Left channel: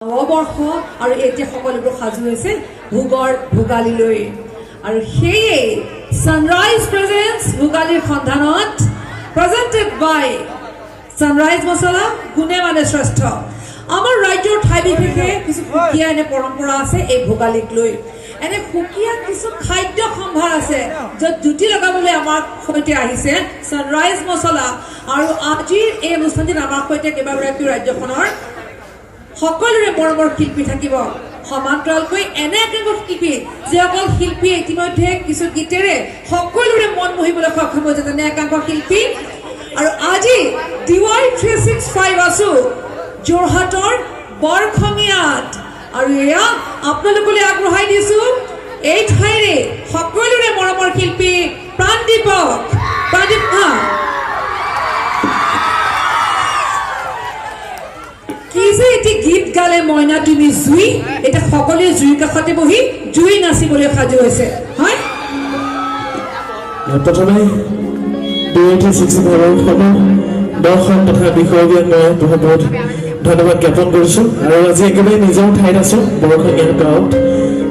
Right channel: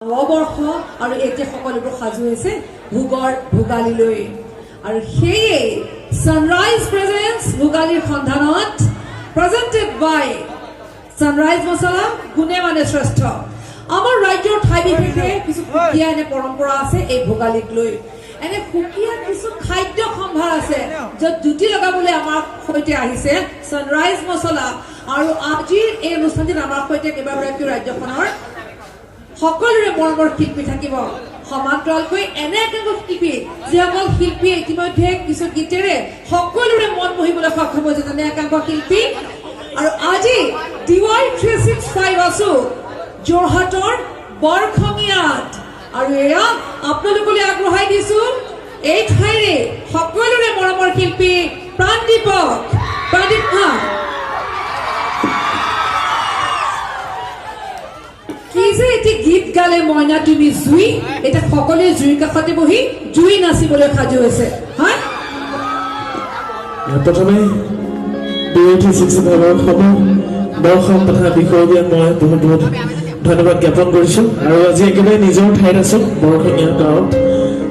নৱবৰ্ষ আৰু এতিয়া সকলোবোৰ সাজু হৈছে ভোগৰ ভোগালীলৈ আৰু সেয়ে সানৰাইজ প্ৰেজেন্টছ ভোগালীৰ সন্ধানত প্ৰেজেন্টেড বাই সানৰাইজ মছলা গুণে মানে শ্ৰেষ্ঠ আমাৰ ৰাজ্যৰ ঠাই বিশেষে কিছু সুকীয়া এনে পৰম্পৰা আছে এই ভোগালীক লৈ এনে সুকীয়া কিছু খাদ্য সম্ভাৰ আছে য'ত জুতি লগাবলৈ আমাৰ সৈতে আহিছে সানৰাইজ মছলা আৰু আজিৰ এই অনুষ্ঠানটিত আমাৰ সৈতে কেইবাগৰাকী ৰাজ্যখনৰ সকলোৰে মৰমৰ শিল্পী থাকিব সমান্তৰালকৈ এনে একাংশ শিল্পী যিসকল শিল্পী ইতিমধ্যে কিছু গীতেৰে সকলোৰে মন মোহিবলৈ সক্ষম হৈছে যেনে একাংশ শিল্পী আৰু আজি দিৱাই 365 আছো যোৰহাটৰ বৰখঙিয়াত আৰু এয়া আপোনালোকলৈ আগবঢ়াই দিছো এই ঠাইৰে সকলোৰে মৰমৰ শিল্পী প্ৰাণদীপ এটি গীত গালে মইনা তুমি জুই এটা সকলোৱে জুইৰ কাষতে বহি জুই নাচিবলৈ সাজু হৈছে হয় প্ৰথমে 286 দৰ্শক তথা বিষয়বিয়াক মই বহুত বহুত ধন্যবাদ জ্ঞাপন কৰিছো আৰু আজি একেবাৰে নিজৰ ঠাইত আছো বৰখঙিয়া গাঁৱত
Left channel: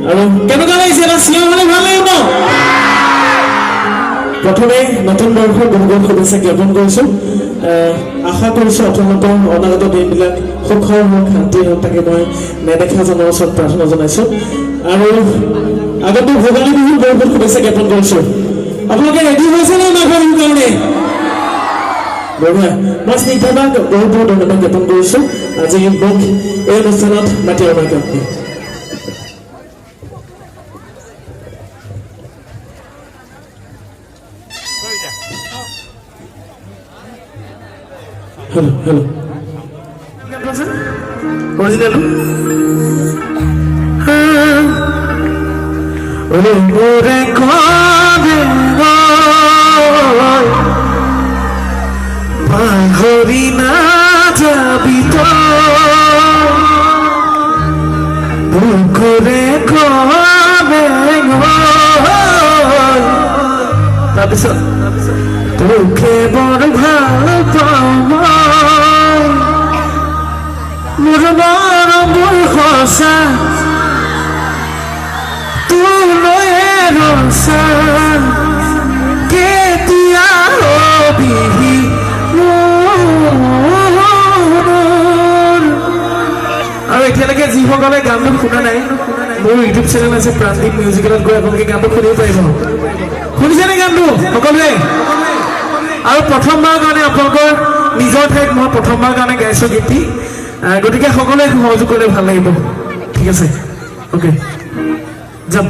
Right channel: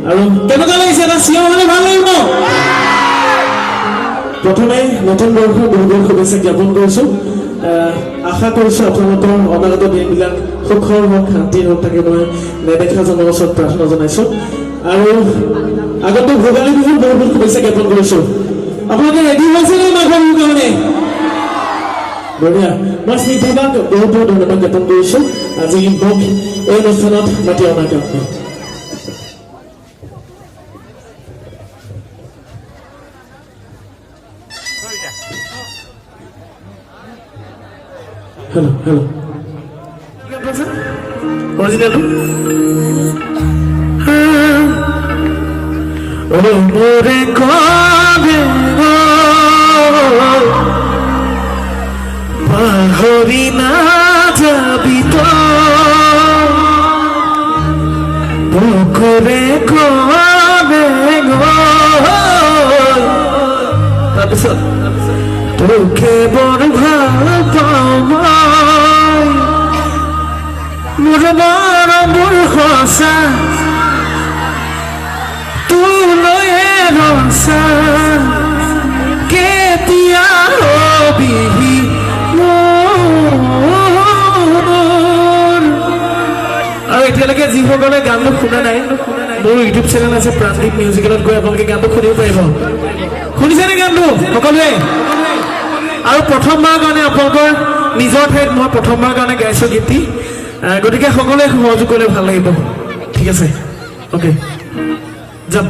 আৰু কেনেকুৱা লাগিছে এটা চিঞৰ হ'লে ভাল লাগিব প্ৰথমে নতুন বৰ্ষৰ বহুত বহুত শুভেচ্ছা জ্ঞাপন কৰিছো আশা কৰিছো আপোনালোকৰ অনাগত দিনবিলাক সুখৰ হওক শান্তিৰ হওক তাকে মই নেদেখা জনৰ ওচৰত প্ৰাৰ্থনা জনাইছো আৰু আগতে ভোগালী বিহুৰ বহুত বহুত শুভেচ্ছা জ্ঞাপন কৰিছো আপোনালোকে ৰেডি হৈছে নে মাঘৰ বিহুৰ কাৰণে বঢ়িয়া মই স্নিগ্ধাবাক বহুত বহুত ধন্যবাদ জ্ঞাপন কৰিছো আজি মোক এই অনুষ্ঠানত মাতি অনাৰ কাৰণে Hello. Original. Ore kode bahori na jabi to bukore kode তাৰপিছত তোকে বৰ ভাল পাওঁ মোৰ মৰমৰ সঁচা তোলৈ ৰচা কেতিয়া হবিহি আৰু এতিয়ালৈকে যিসকলে গানটো শুনা নাই মোৰ ইউটিউব চেনেল আছে প্ৰাণদীপ মিউজিকেলত গৈ আপোনালোকে গানটো শুনিব পাৰিব শুনিছেনে গানটো সকলোৱে আৰু প্ৰথমবাৰ কাৰণে আপোনালোকৰ নিজৰ ঠাইত মই প্ৰথমবাৰ কাৰণে গাইছো গীতি গতিকে সকলোৱে সহযোগ কৰিলে ভাল লাগিব ঠিক আছে অ'কে যাম